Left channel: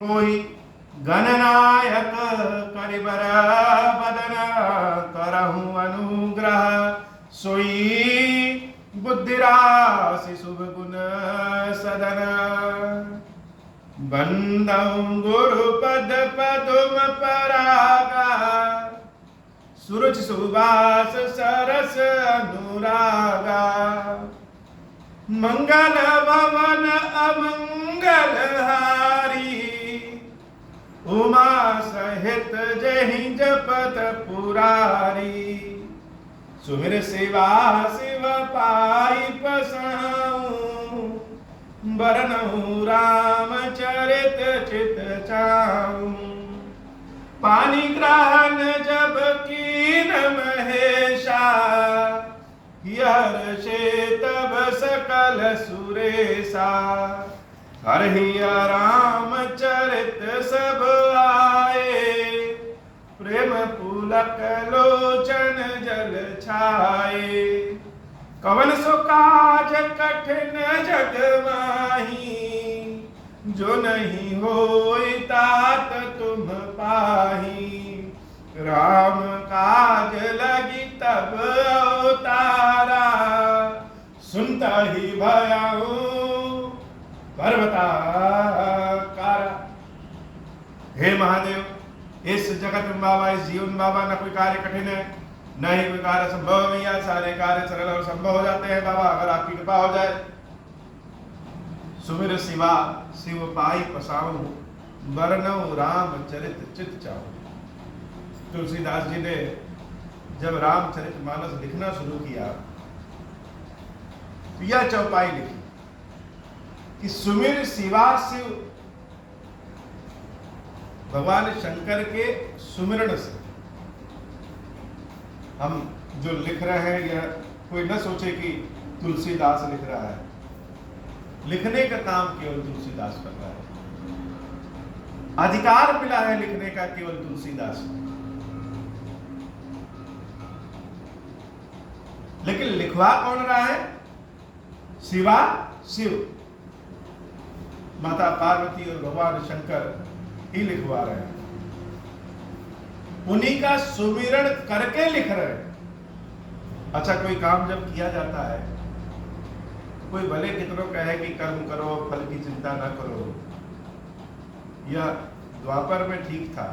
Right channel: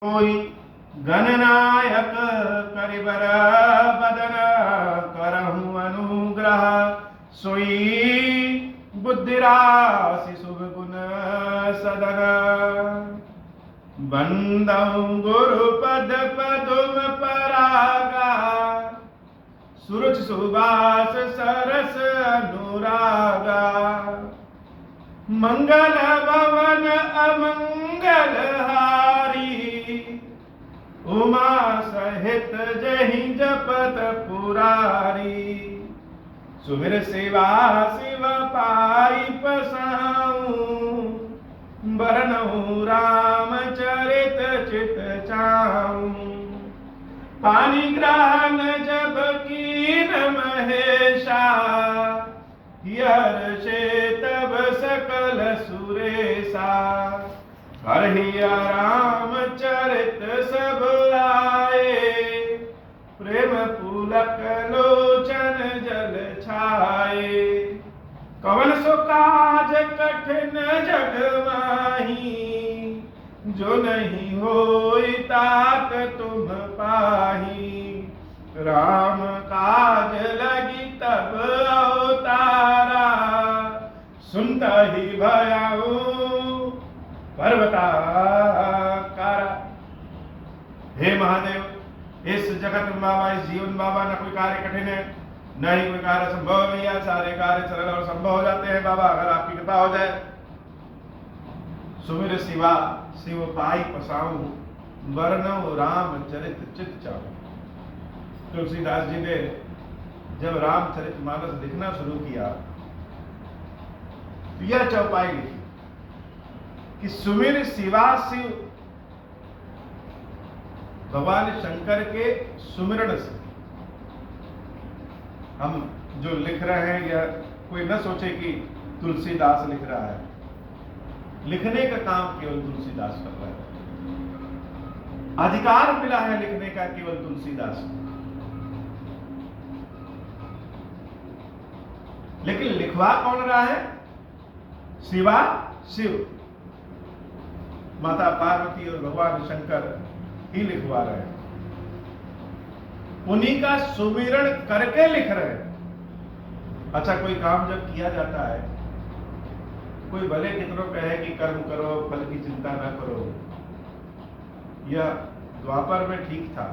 कोई गणनायक करिबर बदन करहु अनुग्रह सोई बुद्धिराशि शुभ गुण सदन बंदौ गुरुपद पदुम परागा सुरुचि सुबास सरस अनुरागा मंगल भवन अमंगल हारी उमा सहित जहि जपत पुरारी सुमिर सेवा शिव पाई पसाऊं बरनऊ राम चरित चित चाऊं पानी ग्रहण जब कीन महेशा हर्षे तब सकल सुरेशा हरि राम चरित सब आए प्रेम पुलक लोचन जल छाए कवन सो काज कठिन जग माही जो नहीं होई तात तुम पाही राम काज लगी तब अवतारा सुनता ही भयाऊ पर्वताकारा। हे महादेव, इस जगत में बाबा, इस जीवन बाबा, न कोई कार्य कठिन है न ही कोई कार्य संभव भैया, सारे कार्य सरल और संभव हो जाते हैं बाबा अगर आपकी कृपा हो जाए। सुमिर शिवा शिव पाई पसाऊं वरनऊ राम चरित चित चाऊं। तुलसीदास जी ने जब रामचरितमानस लिखना शुरू किया तो यह चौपाई लिखी कि सुमिर शिवा शिव भगवान शंकर के सुमिरण से हम जो लिख रहे हैं, या कोई न सोचे कि तुलसीदास लिख रहा है, लिखने का काम केवल तुलसीदास कर रहा है, अधिकार मिला है लिखने का केवल तुलसीदास को। लेकिन लिखवा कौन रहा है? शिवा शिव, माता पार्वती और भगवान शंकर ही लिखवा रहे हैं, उन्हीं का सुमिरण करके लिख रहे हैं। अच्छा, कोई काम जब किया जाता है, कोई भले कितनों कहे कि कर्म करो फल की चिंता न करो, यह द्वापर में ठीक था,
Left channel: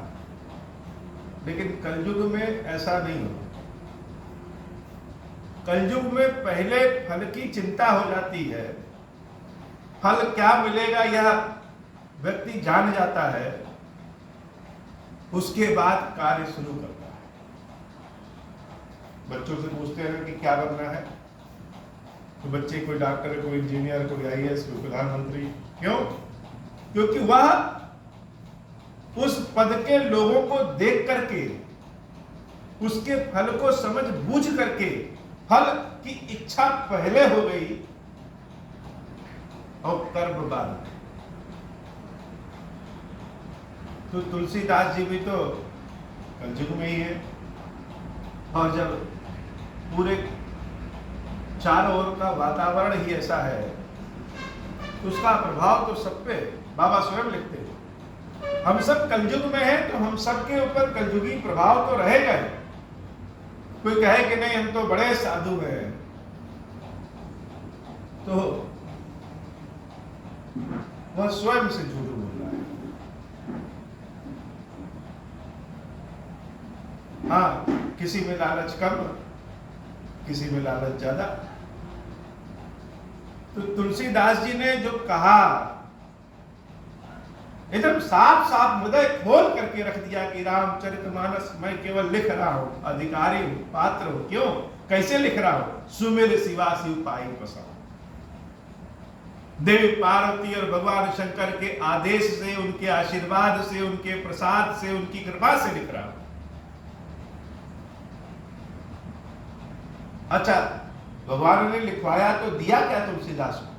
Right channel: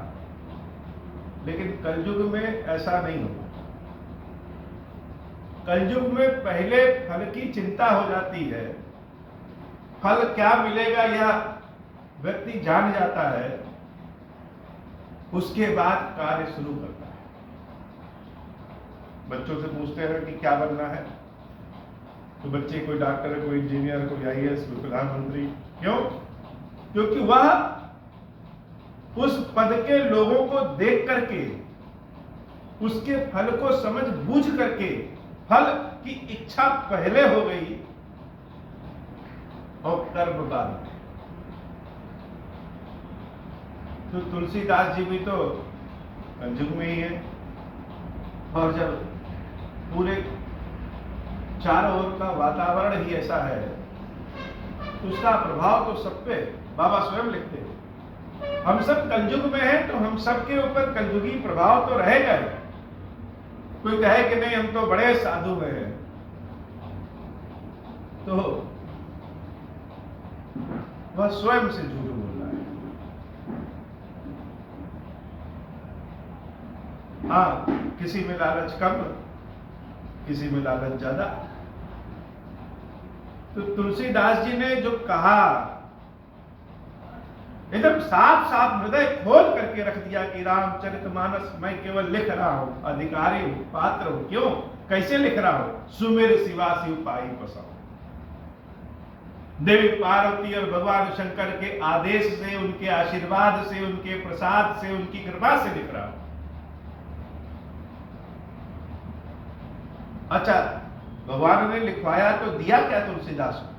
लेकिन कलयुग में ऐसा नहीं होता। कलयुग में पहले फल की चिंता हो जाती है, फल क्या मिलेगा यह व्यक्ति जान जाता है, उसके बाद कार्य शुरू करता है। बच्चों से पूछते हैं कि क्या बनना है, तो बच्चे कोई डॉक्टर, कोई इंजीनियर, कोई आईएएस, कोई प्रधानमंत्री। क्यों? क्योंकि वह उस पद के लोगों को देख करके, उसके फल को समझ बूझ करके, फल की इच्छा पहले हो गई और कर्म बाद। तो तुलसीदास जी भी तो कलयुग में ही है, और जब पूरे चारों ओर का वातावरण ही ऐसा है तो उसका प्रभाव तो सब पे, बाबा स्वयं लिखते हैं, हम सब कलयुग में हैं तो हम सबके ऊपर कलयुगी प्रभाव तो रहेगा ही। कोई कहे कि नहीं हम तो बड़े साधु हैं, तो वह स्वयं से झूठ बोल रहा है। हाँ, किसी में लालच कम, किसी में लालच ज्यादा। तो तुलसीदास जी ने जो कहा, एकदम साफ साफ हृदय खोल करके रख दिया कि रामचरितमानस मैं केवल लिख रहा हूं, अधिकारी हूं, पात्र हूं। क्यों? कैसे लिख रहा हूं? सुमिर शिवा शिव पाई पसाऊं। देवी पार्वती और भगवान शंकर के आदेश से, उनके आशीर्वाद से, उनके प्रसाद से, उनकी कृपा से लिख रहा हूं। अच्छा, भगवान ने लिखवाया तो दिया क्या तुलसीदास को?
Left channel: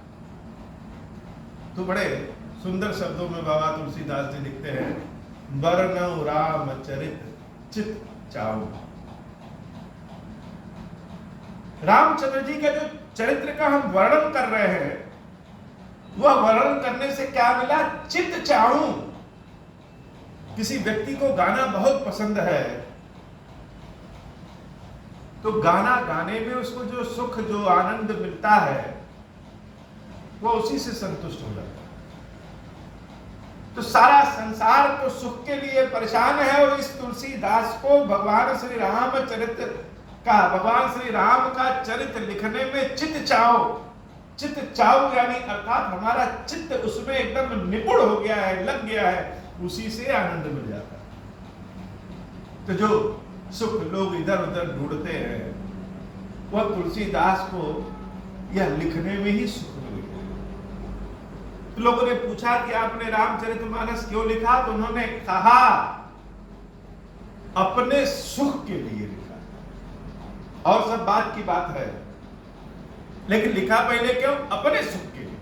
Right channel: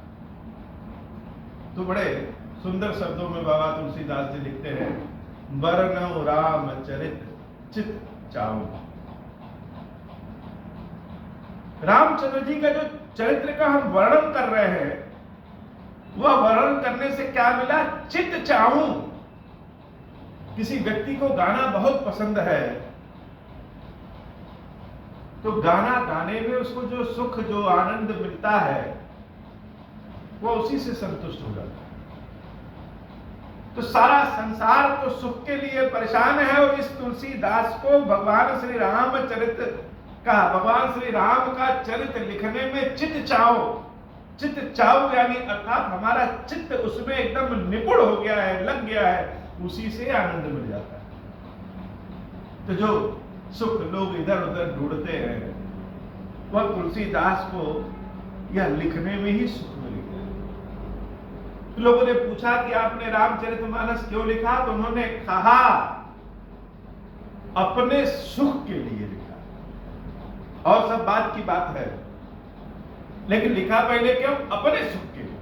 तो बड़े सुंदर शब्दों में बाबा तुलसीदास जी लिखते हैं, बरनऊ राम चरित चित चाऊं। रामचंद्र जी का जो चरित्र का हम वर्णन कर रहे हैं, वह वर्णन करने से क्या मिला? चित चाहूं, किसी व्यक्ति को गाना बहुत पसंद है, तो गाना गाने में उसको जो सुख, जो आनंद मिलता है, वो उसी से संतुष्ट हो जाता है। तो सारा संसार तो सुख के लिए परेशान है, और इस तुलसीदास को भगवान श्री राम का चरित्र लिखने में चित चाव यानी अर्थात हमारा चित्त उसमें एकदम निपुण हो गया है, लग गया है, उसी से आनंद मिल जाता है। तो जो सुख लोग इधर उधर ढूंढते हैं, वह तुलसीदास को यह लिखने में ही सुख मिल गया। तो लोगों ने पूछा कि आपने रामचरितमानस क्यों लिखा? तो उन्होंने कहा अपने सुख के लिए लिखा, और सब बात की बात है, लेकिन लिखा पहले क्यों? अपने सुख के लिए।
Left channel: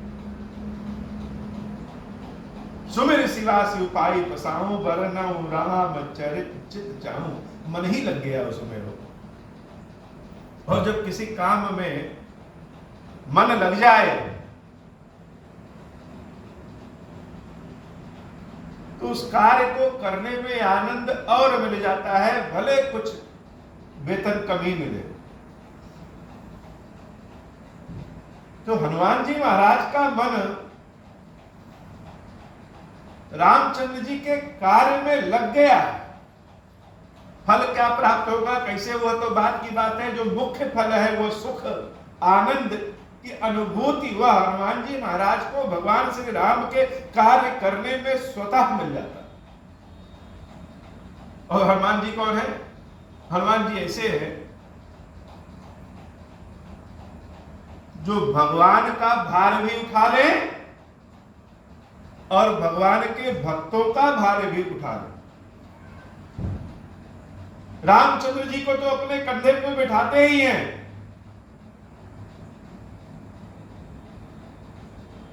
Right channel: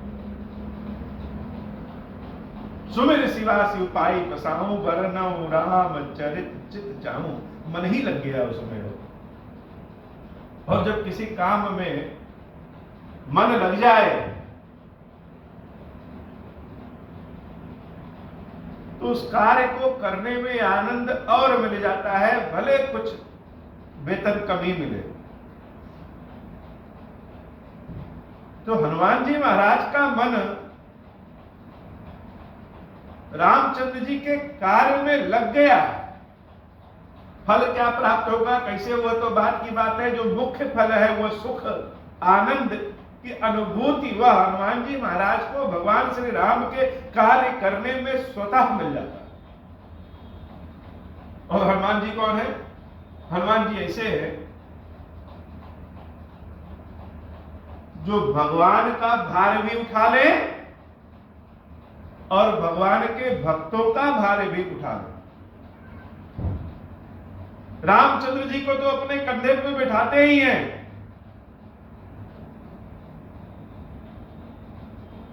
सुमिर शिवा शिव पाई पसाऊं, बरनऊं राम चरित चित चाहूं। मन ही लग गया उसमें हो। और जब किसी काम में मन लग जाए तो उस कार्य को करने में आनंद और मिल जाता है, भले कुछ वेतन कमी मिले। तो हनुमान जी महाराज का मन रामचंद्र जी के कार्य में लग गया। फल क्या प्राप्त होगा, कैसे, वह तो बात की बात है। जो मुख्य फल है वह सुख आनंद की अनुभूति, वह हनुमान जी महाराज को भगवान श्री राम के कार्य करने में स्वतः मिल जाता है। और हनुमान जी कौन है? हनुमान जी ऐसे है जो भगवान का भार भी उठा ले और भगवान के भक्तों का भार भी उठा ले। रामचंद्र जी को तो अपने कंधे पे बिठाते ही हैं,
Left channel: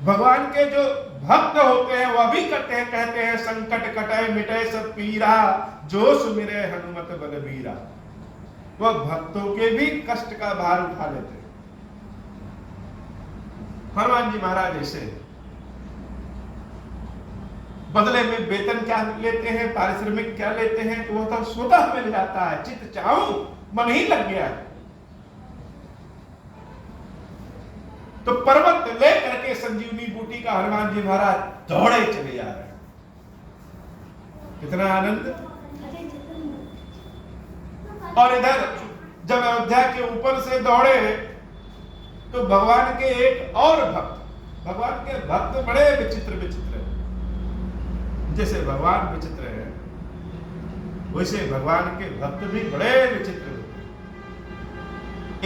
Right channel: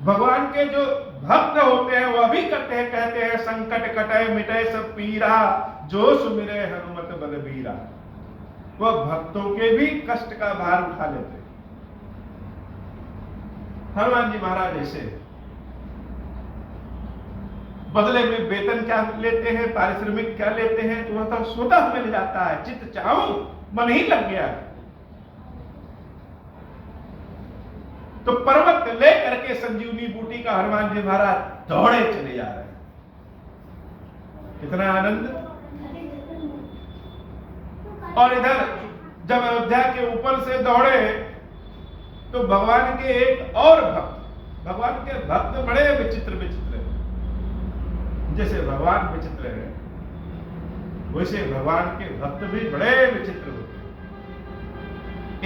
भगवान के जो भक्त होते हैं वह भी कहते हैं संकट कटे मिटे सब पीरा, जो सुमिरे हनुमत बलबीरा। वह भक्तों के भी कष्ट का भार उठा लेते हैं। हनुमान जी महाराज ऐसे बदले में वेतन क्या लेते हैं, पारिश्रमिक क्या लेते हैं, तो वह तो स्वतः मिल जाता है। चित चाहूं, मन ही लग गया है। तो पर्वत लेकर के संजीवनी बूटी का हनुमान जी महाराज दौड़े चले जा रहे हैं। कितना आनंद। और इधर जब अयोध्या के ऊपर से दौड़े तो भगवान के एक और भक्त, भगवान के भक्त बड़े विचित्र विचित्र हैं। जैसे भगवान विचित्र है, वैसे भगवान के भक्त भी बड़े विचित्र होते हैं।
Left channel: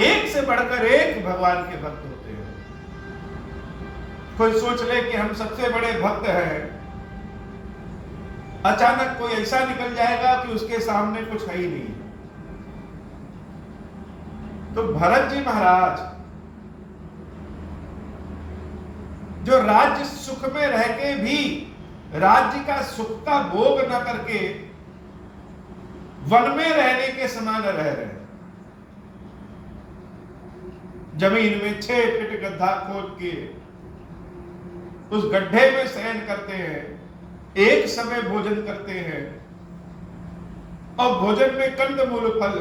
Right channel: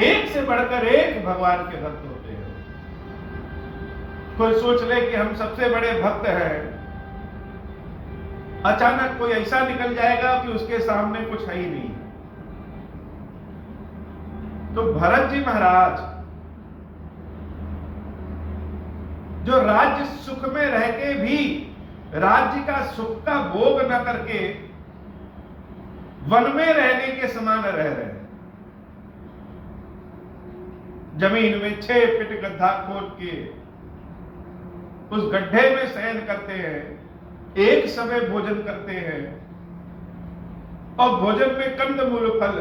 एक से बढ़कर एक भगवान के भक्त होते हैं। कोई सोच ले कि हम सबसे बड़े भक्त हैं, अचानक कोई ऐसा निकल जाएगा कि उसके सामने कुछ है ही नहीं। तो भरत जी महाराज जो राज्य सुख में रह के भी राज्य का सुख का भोग न करके वन में रहने के समान रह रहे हैं। जमीन में 6 फीट गड्ढा खोद के उस गड्ढे में शयन करते हैं, एक समय भोजन करते हैं, और भोजन में कंदमूल फल।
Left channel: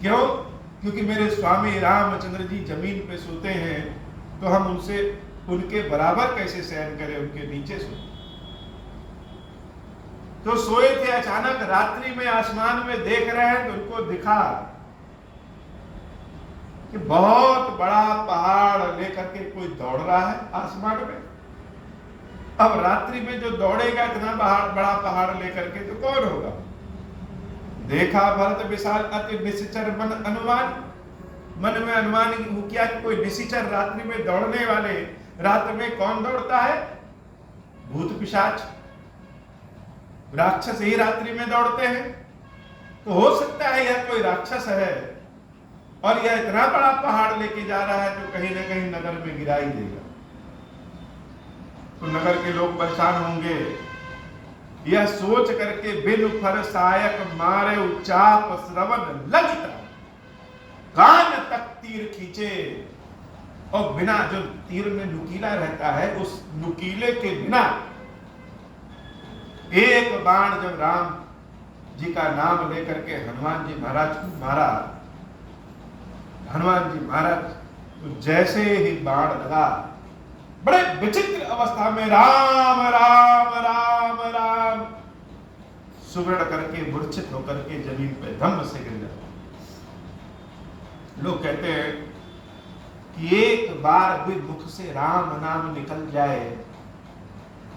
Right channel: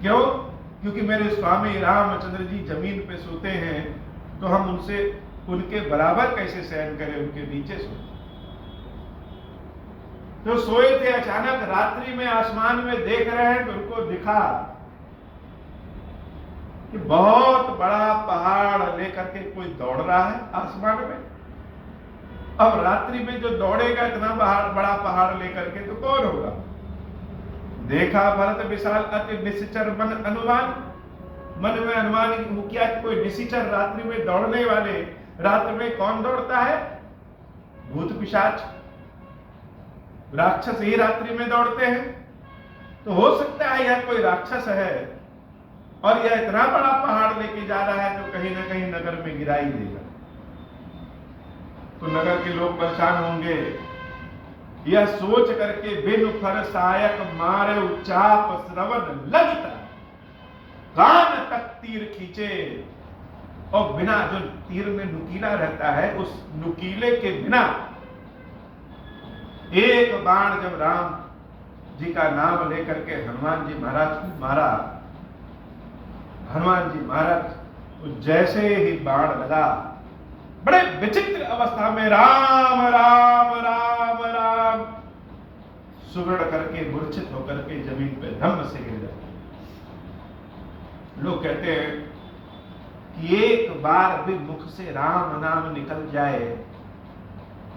क्यों? क्योंकि मेरे स्वामी रामचंद्र जी जमीन पे सोते हैं, तो हम उनसे उनके बराबर कैसे शयन करें, उनके नीचे सोते। तो सोए थे, अचानक रात्रि में आसमान में देख रहे हैं तो उनको दिखा कि बहुत बड़ा पहाड़ लेकर के कोई दौड़ रहा है आसमान में। अब रात्रि में जो दौड़ेगा इतना बड़ा पहाड़ लेकर के तो कौन होगा? देखा भरत विशाल अति निश्चर मन अनुमान, मन में अनुमान हो किया कि कोई निश्चर रात्रि में दौड़ने वाले, रात्रि में कौन दौड़ता है? भूत पिशाच, राक्षस ही रात्रि में दौड़ते हैं। तो हो सकता है यह कोई राक्षस है और यह इतना बड़ा पहाड़ लेके जा रहा है तो कहीं ना कहीं नगर में गिरा ही देगा। तो नगर के लोग परेशान होंगे। यह सोच करके बिन फर सायक मारे उच्चाप श्रवण लगता, कान तक तीर खींचे। और बिना, जो तीर में नुकीला रहता है, उस नुकीले के बिना एक बाण जब राम जी का नाम लेकर के हनुमान जी महाराज को मारा, हनुमान जी महाराज तो जैसे ही बाण लगा, बड़े विचित्र अवस्था में राम राम राम राम सुमरण करके मूर्छित होकर के जमीन पे धम्म से गिर जाते। लोग कहते हैं कि एक बार भी मुख से राम नाम निकल जाए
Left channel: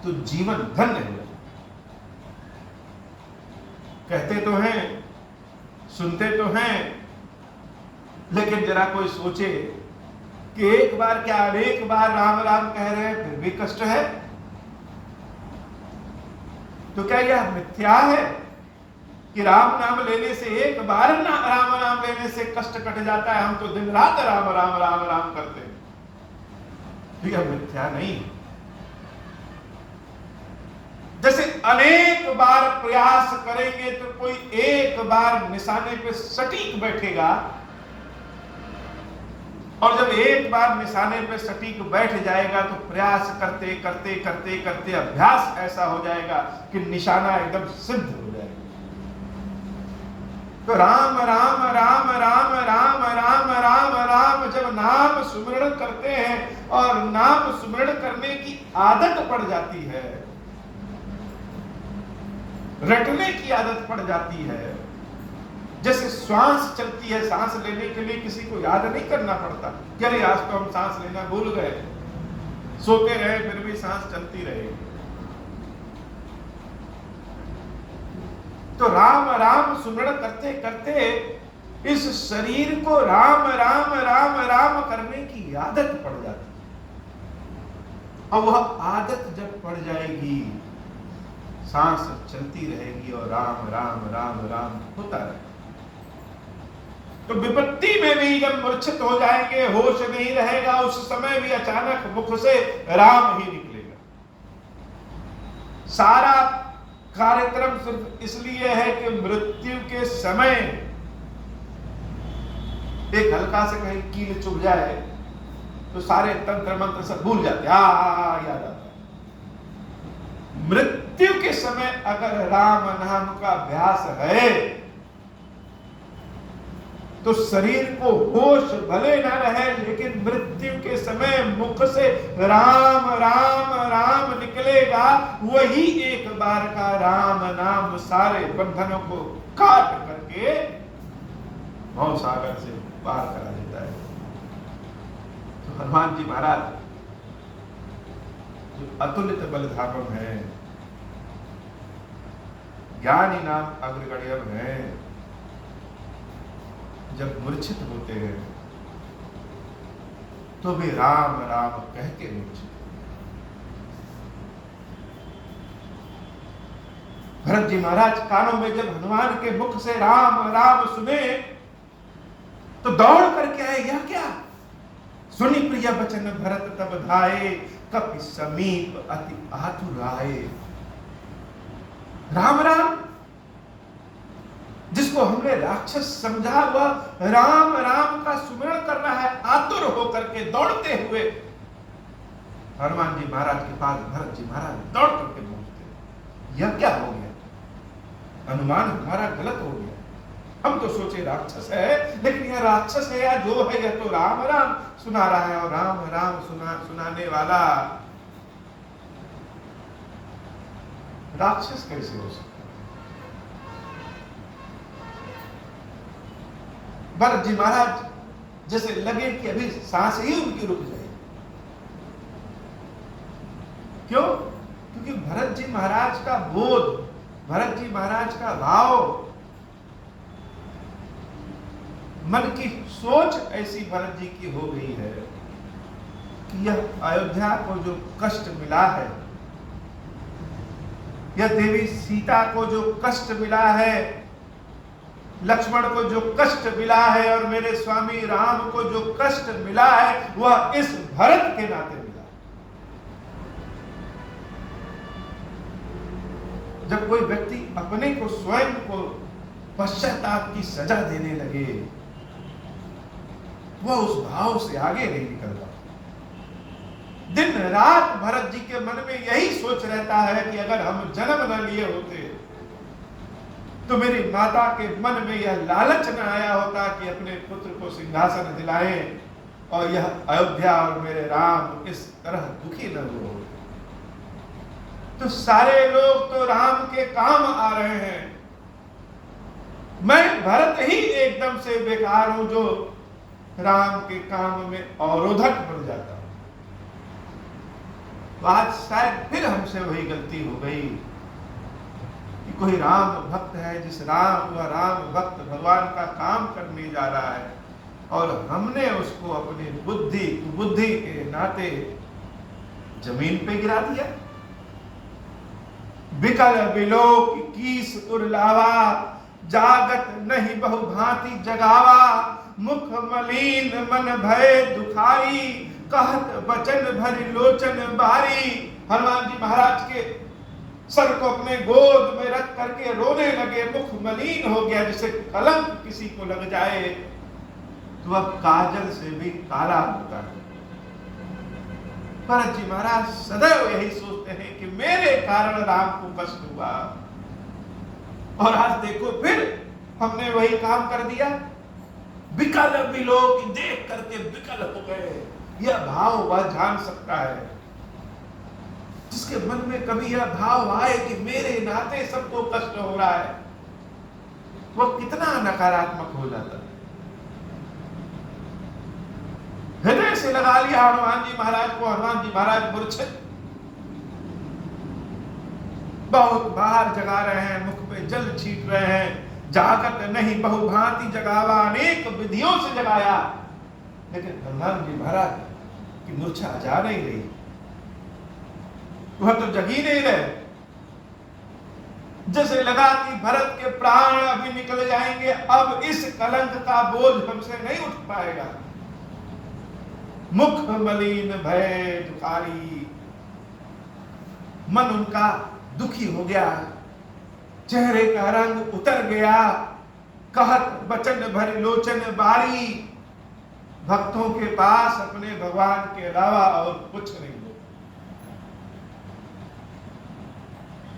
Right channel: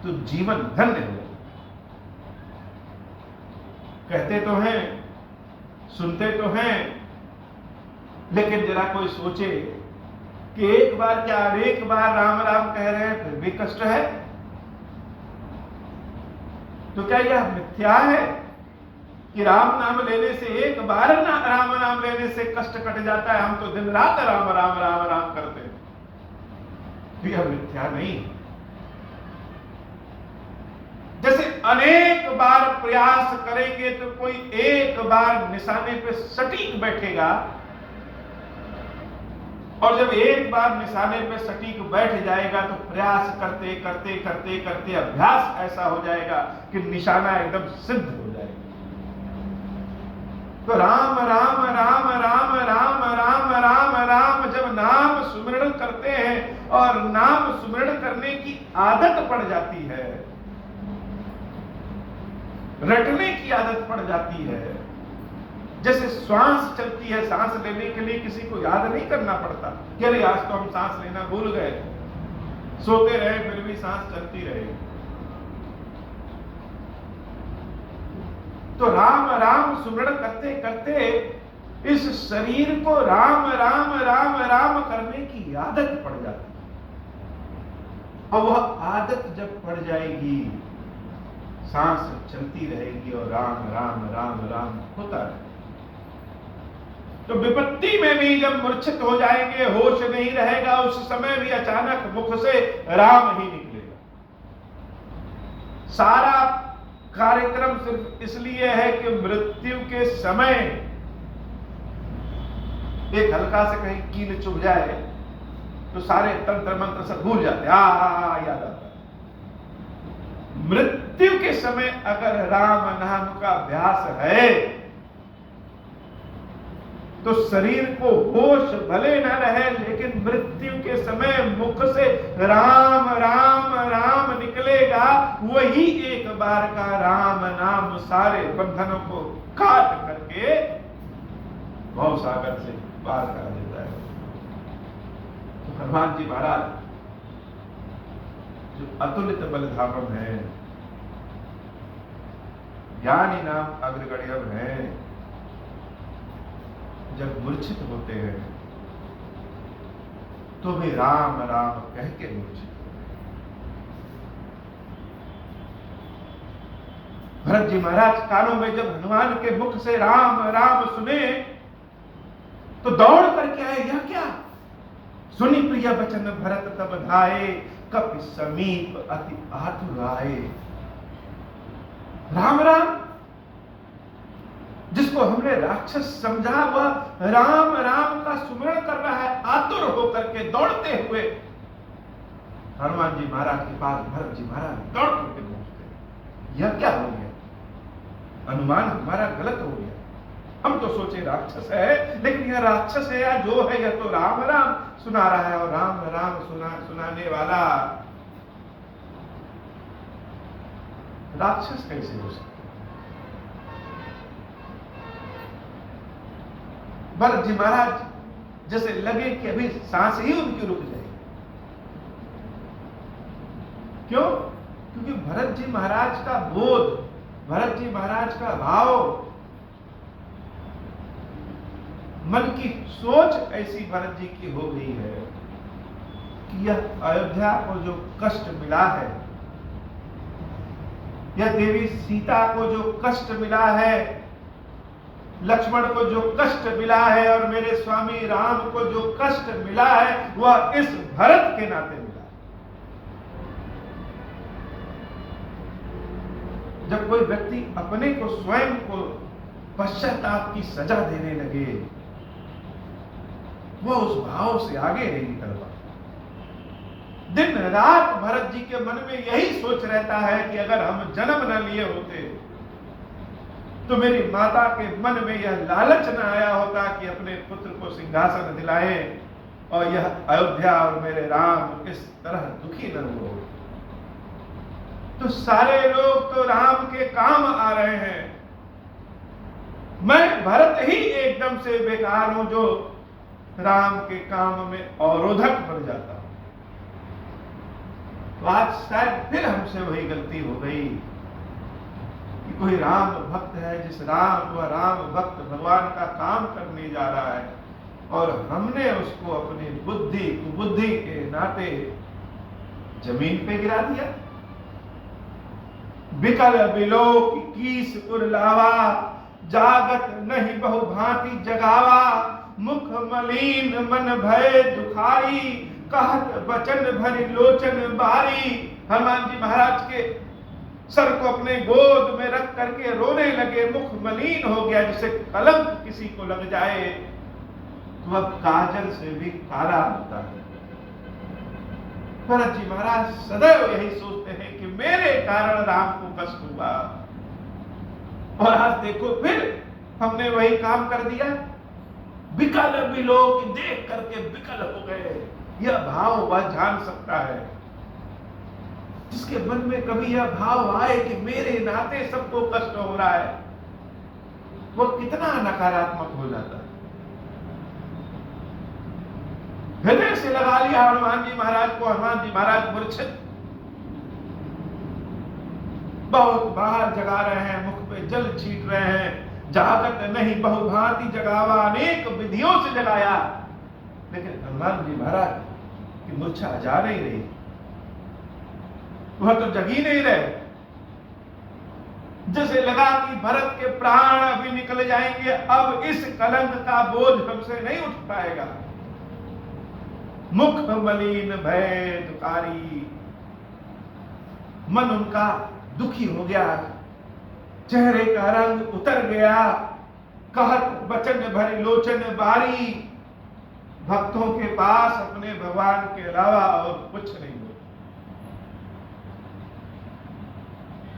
तो जीवन धन्य हो जाए। कहते तो हैं, सुनते तो हैं, लेकिन जरा कोई सोचे कि एक बार क्या अनेक बार राम राम कह रहे हैं फिर भी कष्ट है, तो क्या यह मिथ्या है कि राम नाम लेने से, एक बार राम नाम लेने से कष्ट कट जाता है, हम तो दिन रात राम राम राम राम करते हैं? तो यह मिथ्या नहीं है। जैसे अनेक बार प्रयास करेंगे तो कोई एक बार निशाने पे सटीक बैठेगा, और जब एक बार निशाने पे सटीक बैठ जाएगा तो प्रयास करते करते करते करते अभ्यास ऐसा हो जाएगा कि निशाना एकदम सिद्ध हो जाएगा। तो राम राम राम राम राम राम राम राम जब नाम सुमिरण करते हैं और नाम सुमिरण करने की आदत पड़ जाती है, रटने की आदत पड़ जाती है, जैसे श्वास चलती है, सांस लेने के लिए किसी को याद नहीं करना पड़ता कि अरे आज तो हम सांस लेना भूल गए, सोते रहे फिर भी सांस चलती रहे। तो राम राम सुमिरण करते करते इस शरीर को राम राम राम राम करने की आदत पड़ जाती है, और वह आदत जब पड़ जाएगी, सांस चलती रहेगी और राम राम राम राम होता रहेगा। तो विपत्ति में भी जब मूर्छित हो जाएंगे, होश नहीं रहेगा, उस समय भी अचानक मुख से राम ही निकलेगा। सारा कार्यक्रम सिर्फ इसलिए है कि मृत्यु के समय एक हल्का से कहीं कील चुभ जाए तो सारे तंत्र मंत्र सब भूल जाते, याद आता। मृत्यु के समय अगर राम नाम का अभ्यास है तो शरीर को होश भले न रहे, लेकिन मृत्यु के समय मुख से राम राम राम निकलेगा। वही एक बार का राम नाम सारे बंधनों को काट करके भव सागर से पार करा देता है। तो हनुमान जी महाराज जो अतुलित बलधामम है, ज्ञानी नाम अग्रगण्यम है, जब मूर्छित होते हैं तो वे राम राम कह के मूर्छित। भरत जी महाराज कानों में जब हनुमान के मुख से राम राम सुने तो दौड़ करके आए, यह क्या? सुनी प्रिय वचन भरत तब धाये, कपि समीप अति आतुराए। राम राम जिसको हमने राक्षस समझा, वह राम राम का सुमिरन कर रहा है, आतुर होकर के दौड़ते हुए हनुमान जी महाराज के पास भरत जी महाराज दौड़ करके पहुंचते। यह क्या हो गया? अनुमान हमारा गलत हो गया। हम तो सोचे राक्षस है, लेकिन यह राक्षस है या जो है, यह तो राम राम सुना रहा है, और राम राम सुनाने वाला राक्षस कैसे हो सकता? भरत जी महाराज जैसे लगे कि अभी सांस ही उनकी रुक जाएगी। क्यों? क्योंकि भरत जी महाराज का बोध, भरत जी महाराज का भाव, मन की सोच ऐसी भरत जी की हो गई है कि यह अयोध्या को जो कष्ट मिला है, यह देवी सीता को जो कष्ट मिला है, लक्ष्मण को जो कष्ट मिला है, और मेरे स्वामी राम को जो कष्ट मिला है, वह इस भरत के नाते मिला। जब कोई व्यक्ति अपने को, स्वयं को पश्चाताप की सजा देने लगे, वह उस भाव से आगे नहीं निकल पाता। दिन रात भरत जी के मन में यही सोच रहता है कि अगर हम जन्म न लिए होते तो मेरी माता के मन में यह लालच न आया होता कि अपने पुत्र को सिंहासन दिलाएं और यह अयोध्या और मेरे राम इस तरह दुखी न हो। तो सारे लोग तो राम के काम आ रहे हैं, मैं भरत ही एकदम से बेकार हूं जो राम के काम में अवरोधक बन जाता हूं। तो आज शायद फिर हमसे वही गलती हो गई कि कोई राम भक्त है, वह राम भक्त भगवान का काम करने जा रहा है और हमने उसको अपनी बुद्धि के नाते जमीन पे गिरा दिया। बिकल बिलोक कीस उरलावा, जागत नहीं बहु भांति जगावा, मुख मलिन मन भय दुखारी, कहत बचन भरी लोचन बारी। हनुमान जी महाराज के सर को अपने गोद में रख करके रोने लगे। मुख मलिन हो गया, जैसे कलंक किसी को लग जाए तो वह काजल से भी काला होता है। भरत जी महाराज सदैव यही सोचते हैं कि मेरे कारण राम को कष्ट हुआ, और आज देखो फिर हमने वही काम कर दिया। विकल विलोक, देख करके विकल हो गए। यह भाव वह जान सकता है जिसके मन में कभी यह भाव आए कि मेरे नाते सबको कष्ट हो रहा है, वह कितना नकारात्मक हो जाता है। हृदय से लगा लिया हनुमान जी महाराज को। हनुमान जी महाराज मूर्छित, बहुत बाहर जगा रहे हैं, मुख पे जल छीट रहे हैं। जागत नहीं बहु भांति जगावा, अनेक विधियों से जगाया, लेकिन हनुमान जी महाराज की मूर्छा जा नहीं रही, वह तो जग ही नहीं रहे। जैसे लगा कि भरत के प्राण अभी निकल जाएंगे, अब इस कलंक का बोझ हमसे नहीं उठ पाएगा। मुख मलिन भय दुखारी, मन उनका दुखी हो गया, चेहरे का रंग उतर गया। कहत बचन भरी लोचन बारी, भक्तों के पास अपने भगवान के अलावा और कुछ नहीं हो,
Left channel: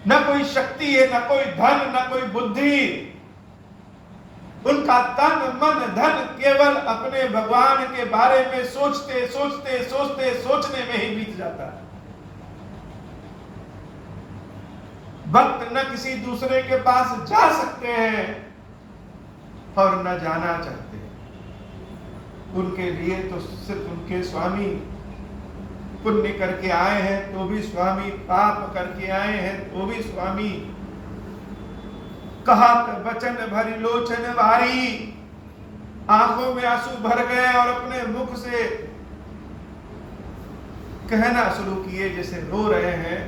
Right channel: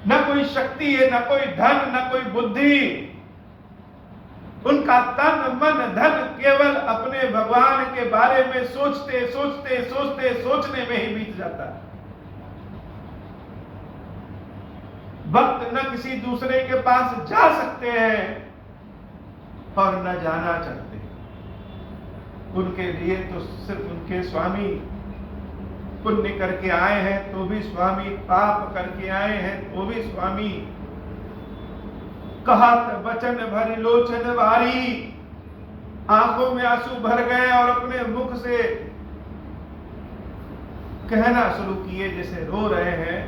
न कोई शक्ति है, न कोई धन, न कोई बुद्धि। उनका तन मन धन केवल अपने भगवान के बारे में सोचते सोचते सोचते सोचने में ही बीत जाता है। भक्त न किसी दूसरे के पास जा सकते हैं और न जाना चाहते हैं। उनके लिए तो सिर्फ उनके स्वामी पुण्य करके आए हैं तो भी स्वामी, पाप करके आए हैं तो भी स्वामी। कहत बचन भरी लोचन वारी, आंखों में आंसू भर गए और अपने मुख से कहना शुरू किए जैसे रो रहे हैं।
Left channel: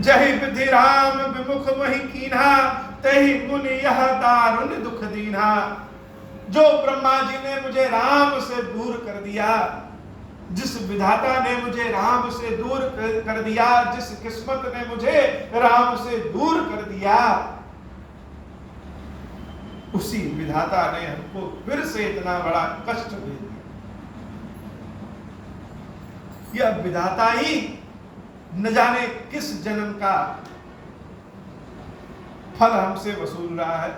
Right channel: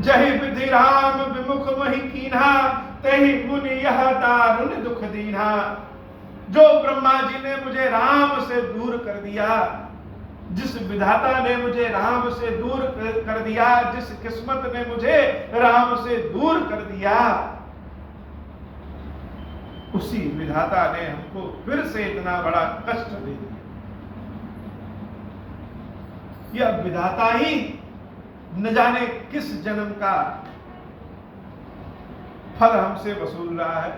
जहि विधि राम विमुख वही कीन्हा, तहि मुनि यह दारुण दुख दीन्हा। जो ब्रह्मा जी ने मुझे राम से दूर कर दिया, जिस विधाता ने मुझे राम से दूर कर दिया, जिस किस्मत ने मुझे राम से दूर कर दिया, उसी विधाता ने हमको फिर से इतना बड़ा कष्ट दे दिया। यह विधाता ही न जाने किस जन्म का फल हमसे वसूल रहा है।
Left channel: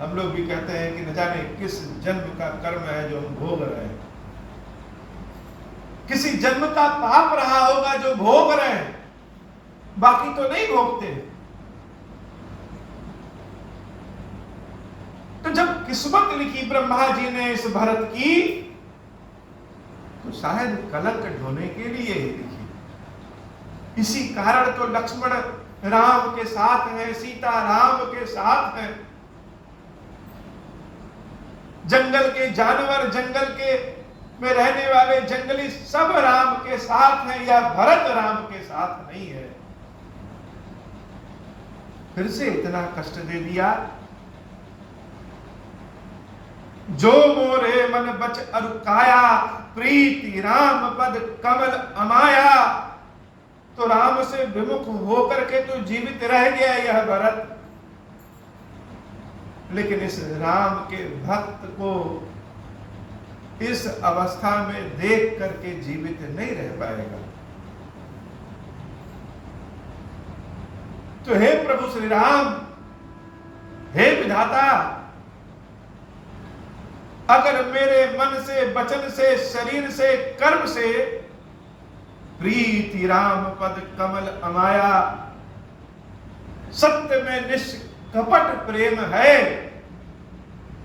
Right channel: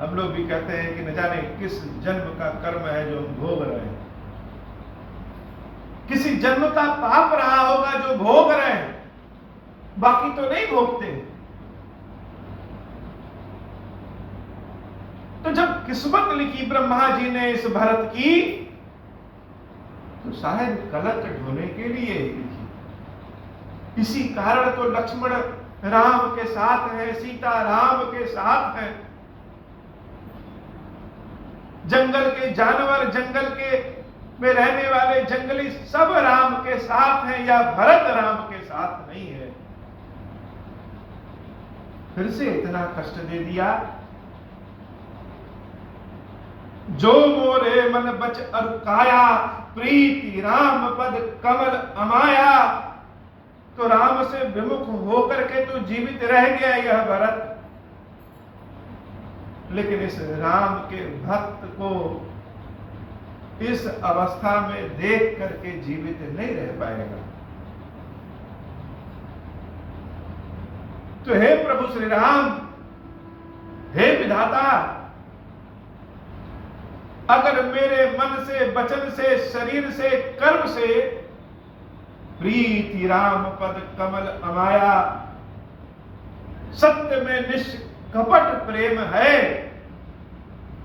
हम लोग भी कहते हैं कि न जाने किस जन्म का कर्म है जो हम भोग रहे हैं। किसी जन्म का पाप रहा होगा जो भोग रहे हैं, बाकी तो नहीं भोगते। तो जब किस्मत लिखी ब्रह्मा जी ने इस भरत की, तो शायद कलंक ढोने के लिए ही लिखी। इसी कारण तो लक्ष्मण राम के साथ है, सीता राम के साथ है। जंगल के जानवर, जंगल के में रहने वाले जंगली सब राम के साथ हैं, या भरत राम के साथ नहीं है। फिर से इतना कष्ट दे दिया। जो मोरे मन बच अरुकाया, प्रीति राम पद कमल अमाया। तो राम से विमुख होकर के तो जीवित रह गया यह भरत, लेकिन इस राम के भक्त को इस अवस्था में देख करके जीवित नहीं रह पाएगा। तो हे प्रभु श्री राम, हे विधाता, अगर मेरे मन से, वचन से, शरीर से, कर्म से प्रीति राम पद कमल अमाया, सत्य में निष्कपट प्रेम है,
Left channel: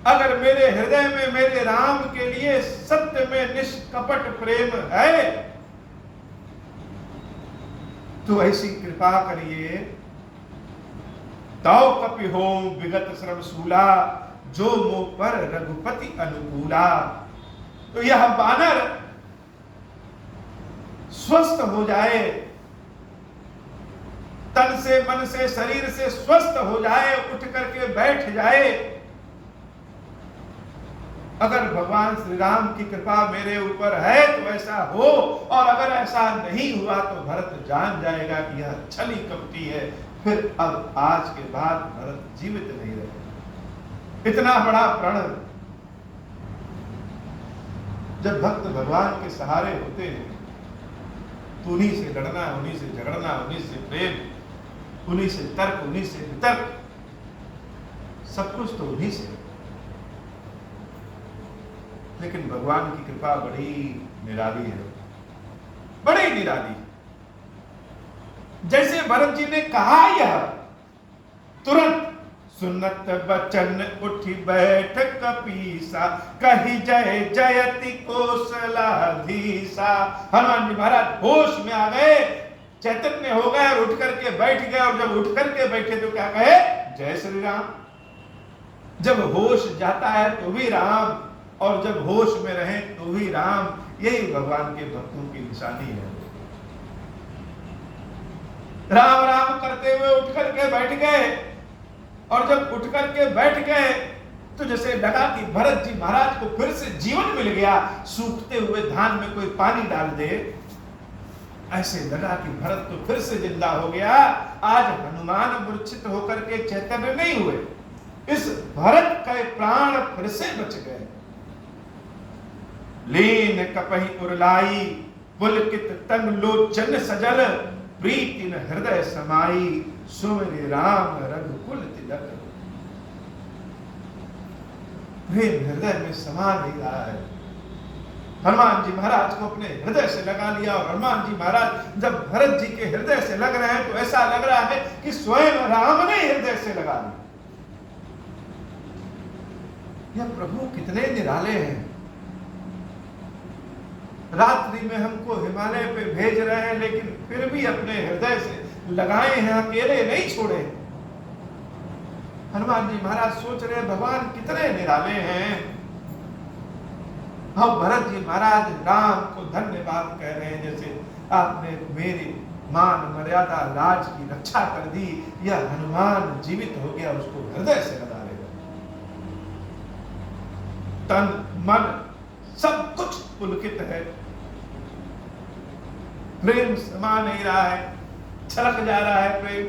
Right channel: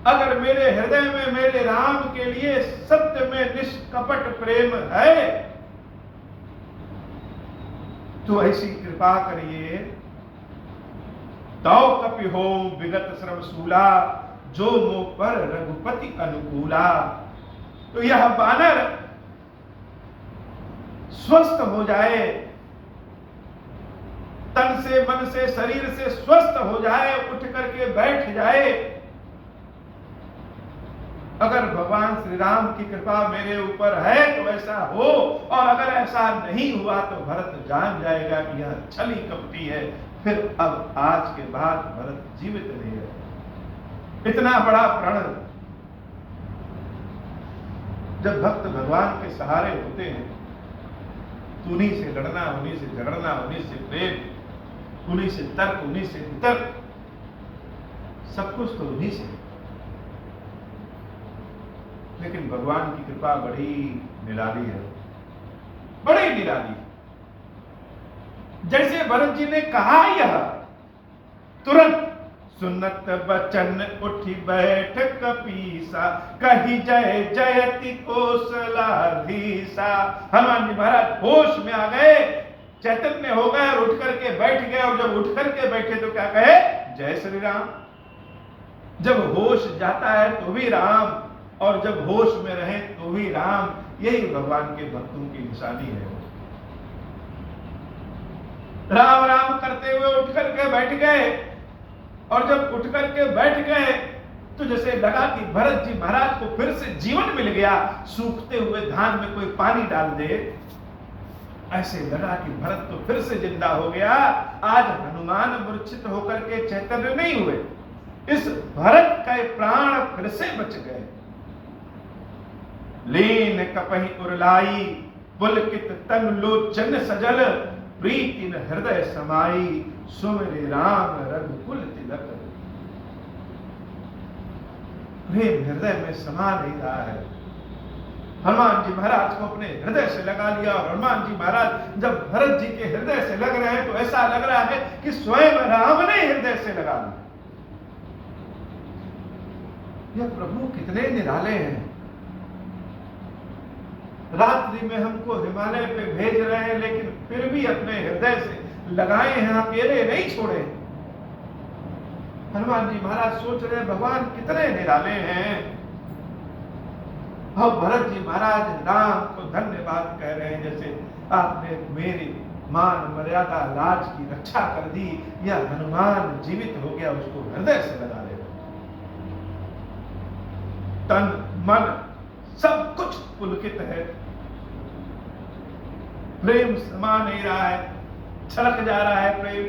अगर मेरे हृदय में मेरे राम के लिए सत्य में निष्कपट प्रेम है, तो ऐसी कृपा करिए। तौ कपि हो विगत श्रम सूला, जो मोह पर रघुपति अनुकूला। तो यह बानर स्वस्थ हो जाए, तन से, मन से, शरीर से स्वस्थ हो जाए, उठ करके बैठ जाए। अगर भगवान श्री राम की कृपा मेरे ऊपर है तो ऐसा हो, और अगर ऐसा नहीं हुआ तो भरत जान जाएगा कि यह छली कपटी है। फिर अब आज के बाद भरत जीवित नहीं रहे। इतना बड़ा प्रण जब भक्त भगवान के सहारे होते हैं, तो उन्हीं से लड़ना, उन्हीं से झगड़ना, उन्हीं से प्रेम, उन्हीं से तर्क, उन्हीं से वितर्क, सब कुछ तो उन्हीं से। लेकिन भगवान की कृपा बड़ी निराली है, बड़ी निराली। जैसे भरत जी ने कहा, यह तुरंत सुनत बचन उठी बैठ कपीसा, कही जय जयति कौशलाधीसा। हनुमान जी महाराज होश में आ गए, चैतन्य हो गए और उठ करके बैठ गए। और जब उठ करके बैठे तो क्या कहे? जय श्री राम। जब होश जाता है तो भी राम, और जब होश में रहे तो भी राम। यही भगवान के भक्तों की निशानी है। राम राम करते हुए उठ करके बैठ गए, और जब उठ करके बैठ गए तो जैसे लगा कि भरत जी महाराज को फिर से जीवन मिल गया। सूखते हुए धान में कोई पानी डाल दे, ऐसे लगा कि भरत तो फिर से जिंदा हो गया। आज हनुमान मूर्छित होकर के चैतन्य नहीं हुए, इस भरत के प्राण फिर से बच गए। लीन कपहि उरलाई, पुलकित तन लोचन सजल, प्रीति न हृदय समाई, सुमिरि राम रघुकुल तिलक। प्रेम हृदय में समा नहीं रहा है। हनुमान जी महाराज को अपने हृदय से लगा लिया, और हनुमान जी महाराज जब भरत जी के हृदय से लग रहे हैं तो ऐसा लग रहा है कि स्वयं राम ने हृदय से लगा लिया। यह प्रभु कितने निराले हैं। रात्रि में हमको हिमालय पे भेज रहे हैं, लेकिन फिर भी अपने हृदय से लगाए हैं, अकेले नहीं छोड़े। हनुमान जी महाराज सोच रहे हैं भगवान कितने निराले हैं। और भरत जी महाराज राम को धन्यवाद कह रहे हैं, जैसे आपने मेरी मान मर्यादा लाज की रक्षा कर दी। यह हनुमान जीवित हो गया, उसको हृदय से लगा लेगा। तन मन सब कुछ पुलकित है, प्रेम समा नहीं रहा है, छलक जा रहा है प्रेम।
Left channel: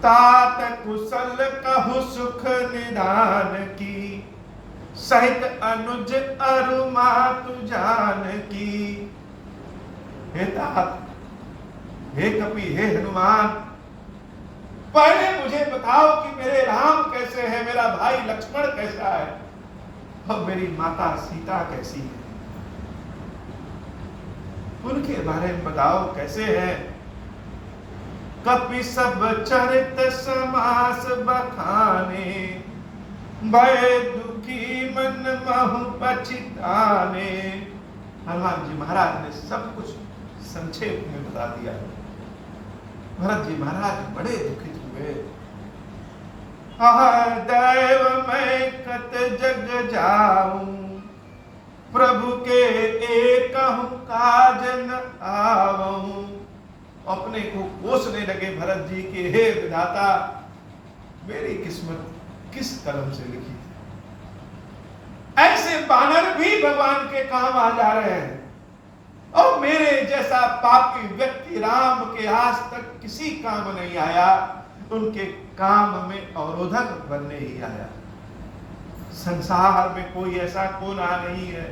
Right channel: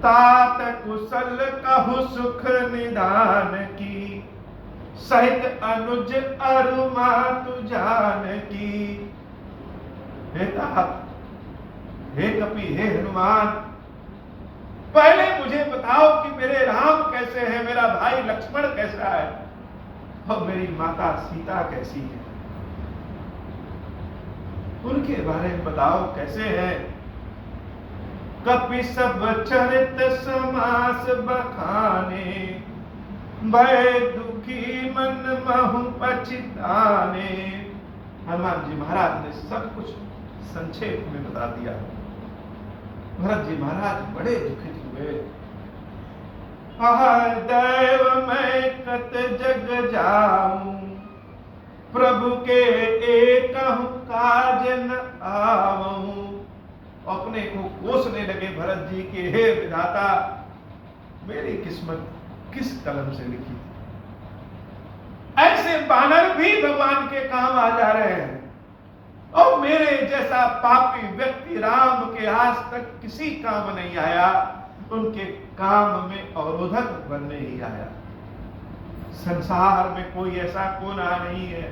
तात कुशल कहु सुख निधान की, सहित अनुज अरु मातु जान की। हे तात, हे कपि, हे हनुमान, पहले मुझे बताओ कि मेरे राम कैसे हैं, मेरा भाई लक्ष्मण कैसा है, और मेरी माता सीता कैसी है। उनके बारे में बताओ कैसे हैं। कपि सब चरित समास बखाने, भय दुखी मन महु पछताने। हनुमान जी महाराज ने सब कुछ संक्षेप में बता दिया। भरत जी महाराज बड़े दुखित हुए। दैव मैं कत जग जाऊं, प्रभु के एकहु काज न आवूं। अपने को कोसने लगे भरत जी के, हे विधाता, मेरी किस्मत किस कलम से लिखी थी। ऐसे बानर भी भगवान के काम आ जा रहे हैं, और मेरे जैसा पापी व्यक्ति राम के आज तक किसी काम नहीं आया, उनके काम में अवरोधक बनने ही आया। संसार में कोई ऐसा कोना नहीं है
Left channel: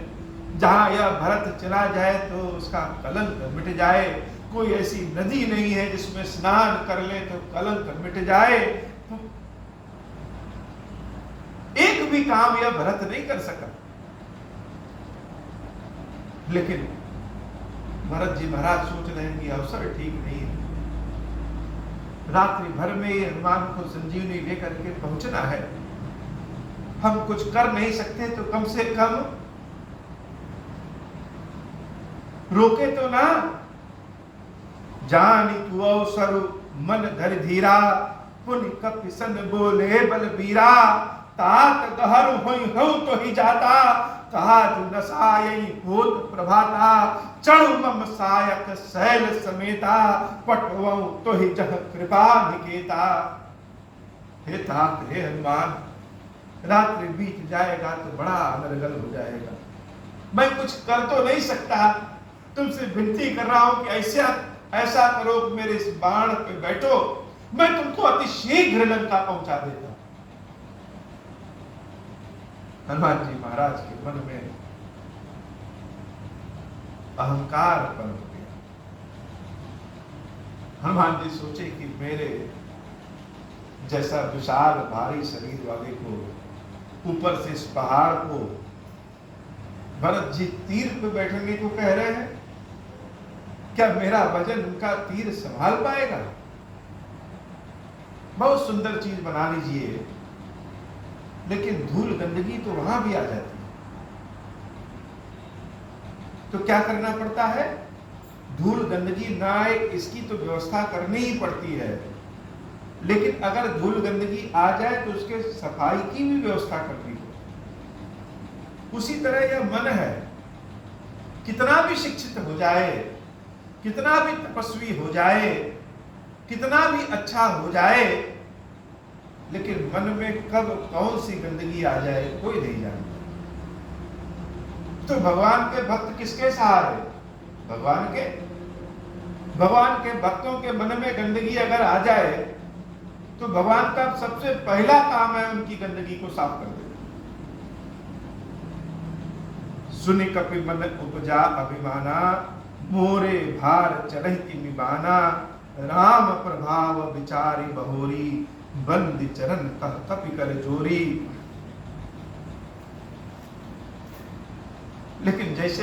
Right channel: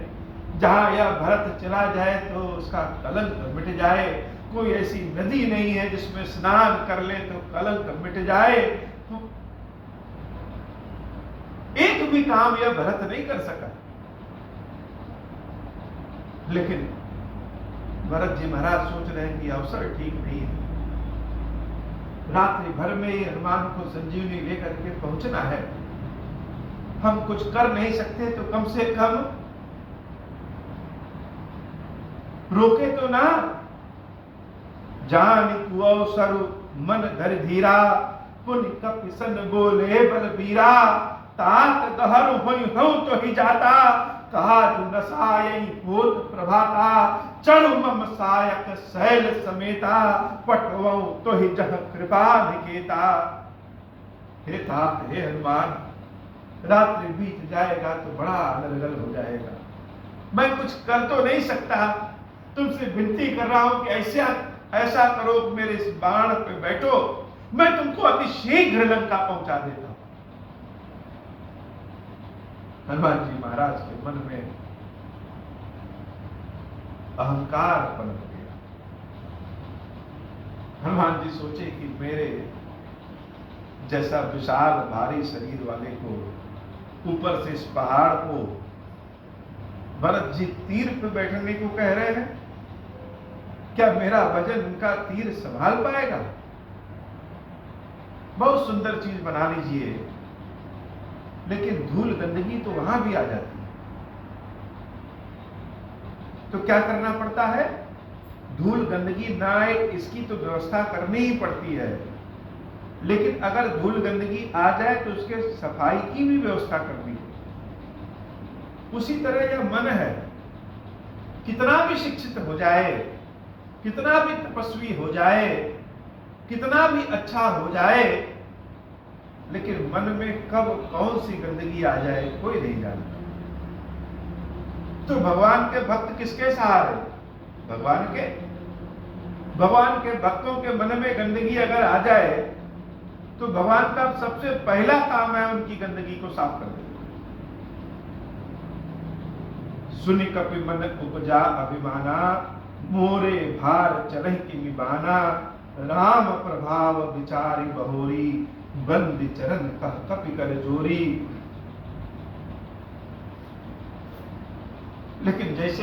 जहां यह भरत चला जाए तो उसका कलंक मिट जाए। कोई ऐसी नदी नहीं है जिसमें स्नान कर ले तो कलंक मिट जाए। तो एक भी काम यह भरत नहीं कर सका। लेकिन भरत जी महाराज सोच रहे हैं कि अवसर ठीक नहीं है। रात्रि भर में ही हनुमान को संजीवनी लेकर के पहुंचना है। हम कुछ कर नहीं सकते तो कम से कम रोके तो ना। जान तू अवसर मन धर धीरा, पुन कपिसन बोले बलबीरा। तात गहर होई हो तो ही जाता, कहा नसायई भूत प्रभाता। चढ़ मम सायक शैल समेता, पटवौ तो ही जह कृपा निकेता। हे तात, हे हनुमान, रात्रि बीत जाएगा तो बड़ा अनर्गल हो जाएगा। मैं कुछ कर तो नहीं सकता, तुमसे विनती कर रहा हूं कि ऐसा करो कि मेरे इस बाण पे बैठो, मैं तुमको अति शीघ्र लंका पहुंचा देता हूं। हनुमान जी महाराज के मन में अहंकार पनप गया। हनुमान जी सोचे कि मेरे जैसा विशाल भारी शरीर वाले को ऊपर से इस पहाड़ को भरत जी तीर पे बैठने को कह रहे हैं, क्या मेरा वजन उनका तीर संभाल पाएगा? बहुत सुंदर चीज बना लीजिए, लेकिन धूल गंदगी तो वहां भी आ जाती है। तो क्या करना पड़ता है? धूल गंदगी ना आए इसकी तो व्यवस्था करनी ही पड़ती है। लेकिन अगर धूल गंदगी आ जाए तो उसके सफाई की भी व्यवस्था करनी है। उसी तरह यह मन है, कितना भी शिक्षित हो जाए, कितना भी तपस्वी हो जाए, कितना भी अच्छा हो जाए, लेकिन मन में कब कौन सी गंदगी आ जाए कोई नहीं जानता। तो भगवान के भक्त किसके सहारे? भगवान के भक्तों के मन में गंदगी अगर आ जाए तो भगवान का सबसे पहला काम है उनकी गंदगी को साफ कर देना। सुनि कपि मन उपजा अभिमाना, मोरे भार चरहि की निबाना। राम प्रभाव विचारी बहोरी, बंदी चरण कह कपि कर जोरी। लेकिन जैसे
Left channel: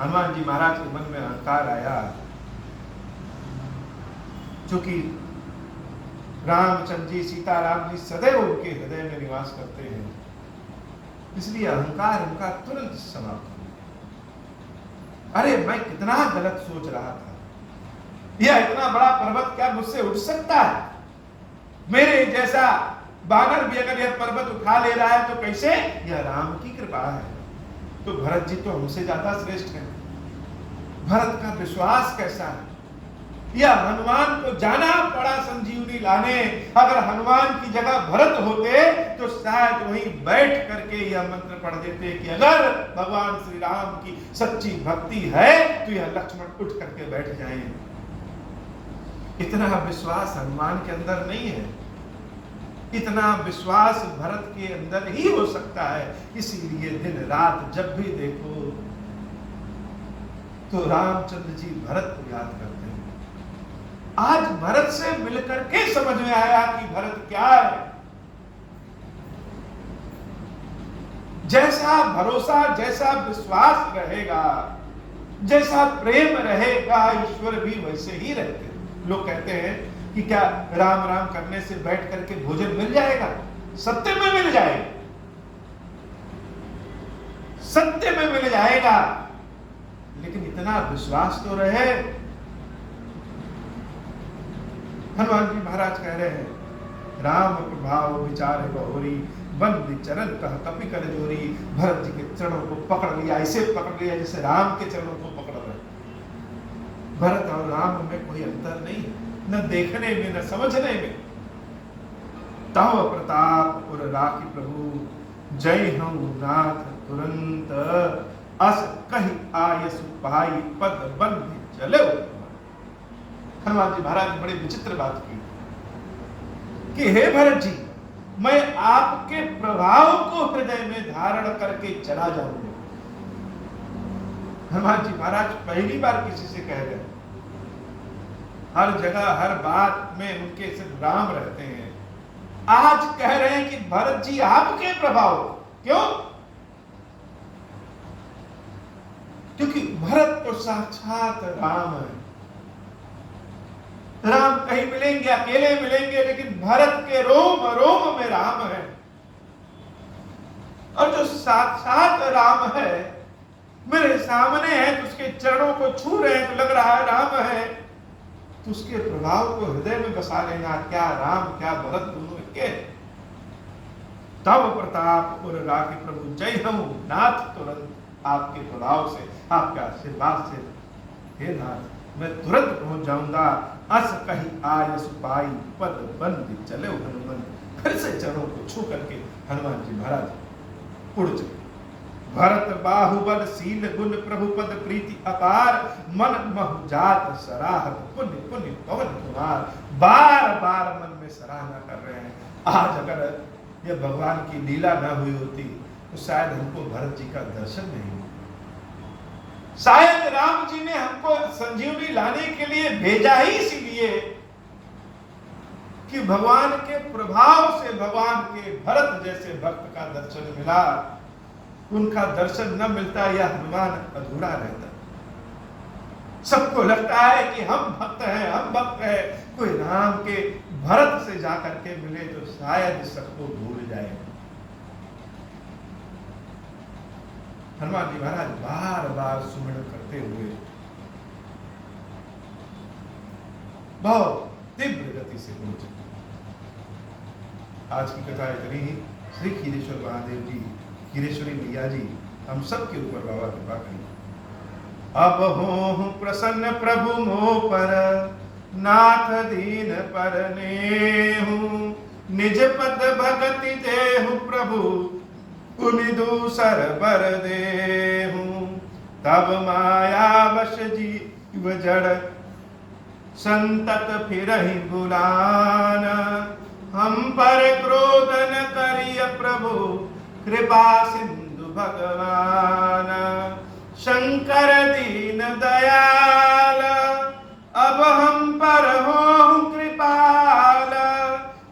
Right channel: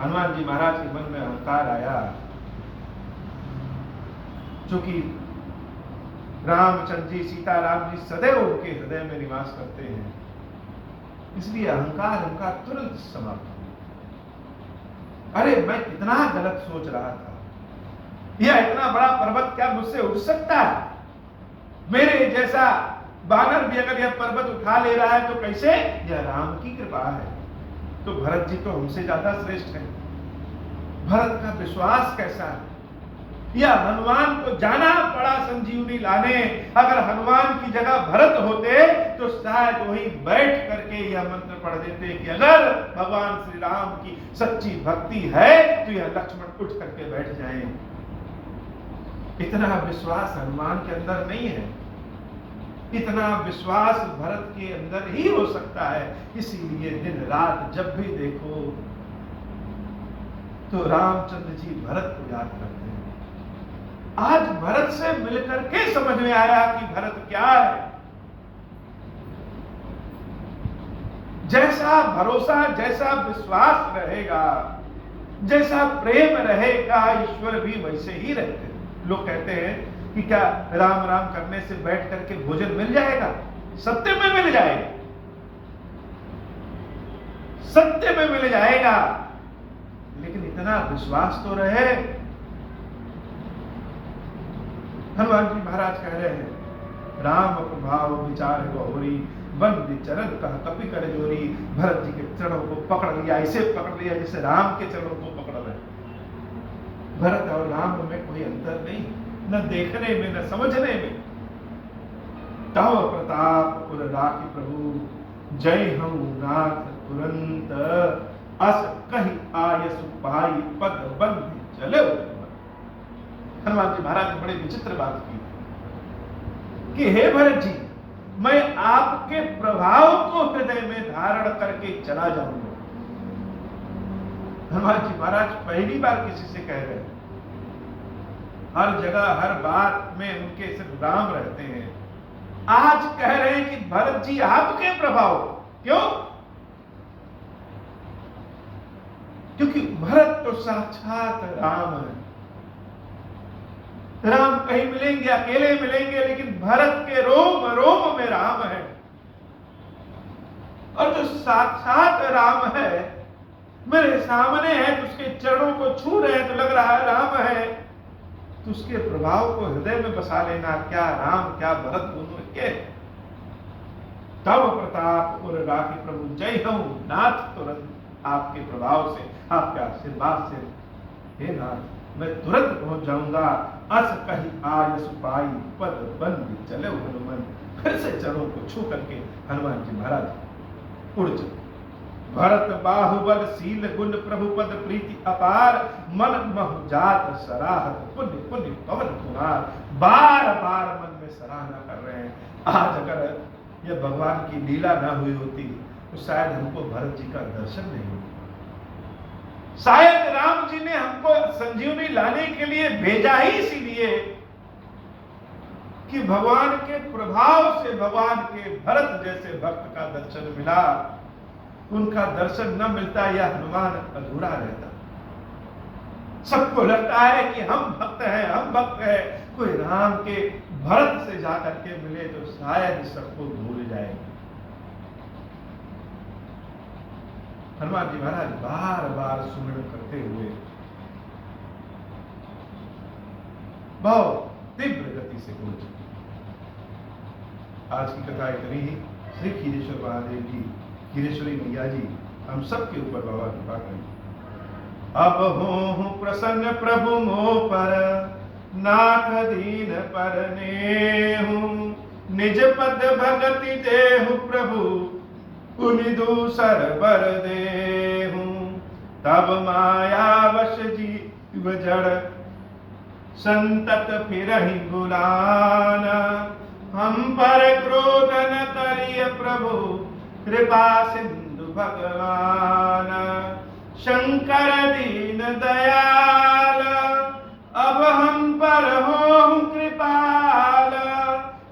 हनुमान जी महाराज के मन में अहंकार आया, चूंकि रामचंद्र जी सीताराम जी सदैव उनके हृदय में निवास करते हैं, इसलिए अहंकार उनका तुरंत समाप्त हो। अरे मैं कितना गलत सोच रहा था, यह इतना बड़ा पर्वत क्या मुझसे उठ सकता है? मेरे जैसा बानर भी अगर यह पर्वत उठा ले रहा है तो कैसे? यह राम की कृपा है। तो भरत जी तो हमसे ज्यादा श्रेष्ठ है। भरत का विश्वास कैसा है? यह हनुमान को जाना पड़ा संजीवनी लाने। अगर हनुमान की जगह भरत होते तो शायद वहीं बैठ करके यह मंत्र पढ़ देते कि अगर भगवान श्री राम की सच्ची भक्ति है तो यह लक्ष्मण उठ करके बैठ जाएं। इतना विश्वास हनुमान के अंदर नहीं है। इतना विश्वास भरत के अंदर ही हो सकता है। इसीलिए दिन रात जब भी देखो तो रामचंद्र जी भरत को याद करते हैं। आज भरत से मिलकर के समझ में आया कि भरत क्या है। जैसा भरोसा, जैसा विश्वास रहेगा, जैसा प्रेम रहेगा, ईश्वर भी वैसे ही रहते हैं। लोग कहते हैं कि क्या राम राम करने से बैठ करके भोजन मिल जाएगा? सत्य में मिल जाएगा, सत्य में मिल जाएगा, लेकिन इतना विश्वास तो रहे। हनुमान जी महाराज कह रहे हैं, राम प्रभाव विचार बहोरी, बंदी चरण कह कपि कर जोरी। भरत जी के चरणों को पकड़ लिया, ऐसे पकड़ लिया जैसे राम के चरणों को पकड़ रहे। भरत और राम में कोई अंतर नहीं, न देखने में न समझने में। तव प्रताप उर राखी प्रभु, जय हूं नाथ तुरंत। अस कहि आयस पाई, पद बंधि चले। हनुमान जी महाराज ने बड़ी विचित्र बात की कि हे भरत जी, मैं आपके प्रभाव को हृदय में धारण करके चला जाऊंगा। हनुमान जी महाराज पहली बार किसी से कह रहे हैं, हर जगह हर बात में उनके सिर्फ राम रहते हैं। आज कह रहे हैं कि भरत जी आपके प्रभाव। क्यों? क्योंकि भरत तो साक्षात राम है। राम कहीं मिलेंगे, अकेले मिलेंगे, लेकिन भरत के रोम रोम में राम है। और जो साक्षात राम है मेरे सामने है, तो उसके चरणों को छू रहे हैं तो लग रहा है राम है, तो उसके प्रभाव को हृदय में बसा लेना। क्या राम क्या भरत दोनों के। तब प्रताप और राखी प्रभु जय हूं नाथ, तुरंत आपके प्रभाव से, आपके आशीर्वाद से हे नाथ मैं तुरंत पहुंच जाऊंगा। अस कही आयस पाई पद बंद चले हनुमान। फिर से चरणों को छू करके हनुमान जी महाराज उड़ चले। भरत बाहुबल शील गुण प्रभु पद प्रीति अपार, मन मह जात सराहत पुण्य पुण्य पवन कुमार। बार बार मन में सराहना कर रहे हैं। आज अगर यह भगवान की लीला न हुई होती तो शायद हमको भरत जी का दर्शन नहीं होता। शायद राम जी ने हमको संजीवनी लाने के लिए भेजा ही इसीलिए कि भगवान के प्रभाव से भगवान के भरत जैसे भक्त का दर्शन मिला। उनका दर्शन न मिलता यह हनुमान अधूरा रहता। सबको लगता है कि हम भक्त हैं, हम भक्त हैं। कोई राम के भरत से जाकर के मिले तो शायद सबको भूल जाए। हनुमान जी महाराज बार बार सुमरण करते हुए बहुत तीव्र गति से पहुंचे। आज की कथा इतनी ही। श्री खीरेश्वर महादेव जी, खीरेश्वरी मैया जी हम सबके ऊपर बाबा कृपा करें। अब हो प्रसन्न प्रभु मोह पर, नाथ दीन पर नेहु। निज पद भगति देहु प्रभु, पुनि दूसर बर देहु। तब माया वश जीव जड़, संतत फिरहि बुलाना। हम पर क्रोध न करिय प्रभु, कृपा सिंधु भगवान। शंकर दीन दयाल, अब हम पर हो कृपाल।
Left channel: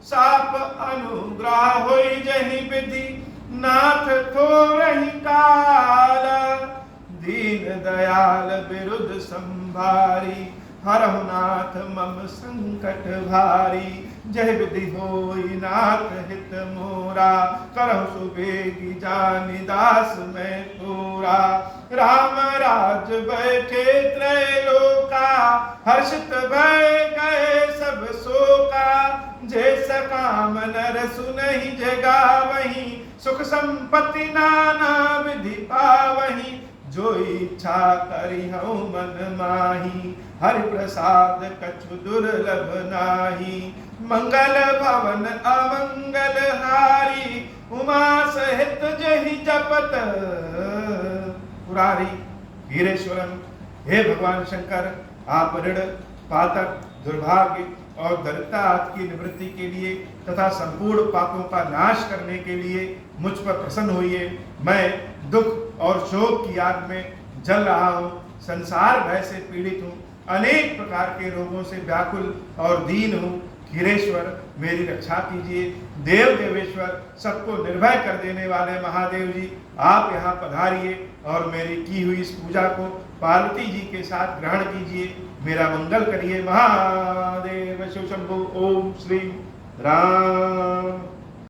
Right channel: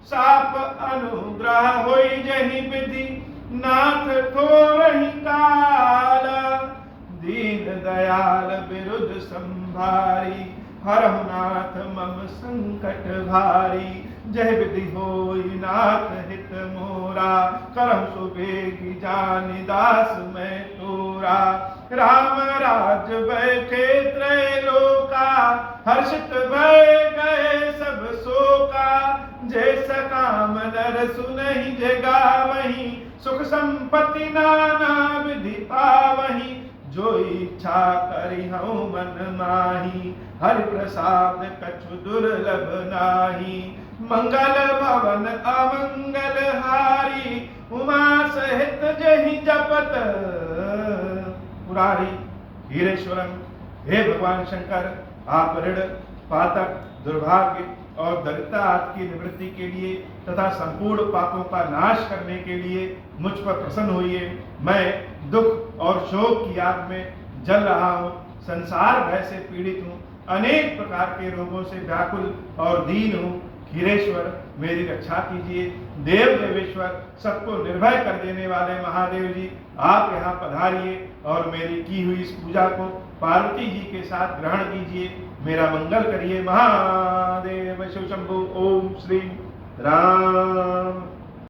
साप अनुग्रह होई जहि विधि, नाथ थोरहि काल। दीन दयाल विरुद्ध संभारी, हरहु नाथ मम संकट भारी। जय विधि होई नाथ हित मोरा, करहु सुबेगी जानि दास मैं तोरा। राम राज बैठे त्रैलोका, हर्षित भय गए सब शोका। जैसा काम नर सुनहि जगावहि, सुख संपत्ति नाना विधि पावहि। जो इच्छा करी हूँ मन माही, हरि प्रसाद कछु दुर्लभ नाही। मंगल भवन अमंगल हारी, उमा सहित जहि जपत पुरारी। हीरेश्वरम, हे भगवान शंकर, आप ऋण पातक दुर्भाग्य और दरिद्रता आपकी निवृत्ति के लिए तथा संपूर्ण पापों का नाश करने के लिए मुझ पर प्रसन्न होइए। मैं दुख और शोक की आग में जल रहा हूँ, संसार भय से पीड़ित हूँ, अनेक प्रकार के रोगों से व्याकुल और दीन हूँ। खीरेश्वर, मेरी रक्षा कीजिए। देव देवेश्वर, सबको निर्भय कर देने वाले महादेव जी, आप यहाँ पधारिए और मेरी की हुई इस पूजा को पार्वती जी के साथ ग्रहण कीजिए। मेरा मंगल करिए। महादेव शिव शंभु। ओम श्री राम।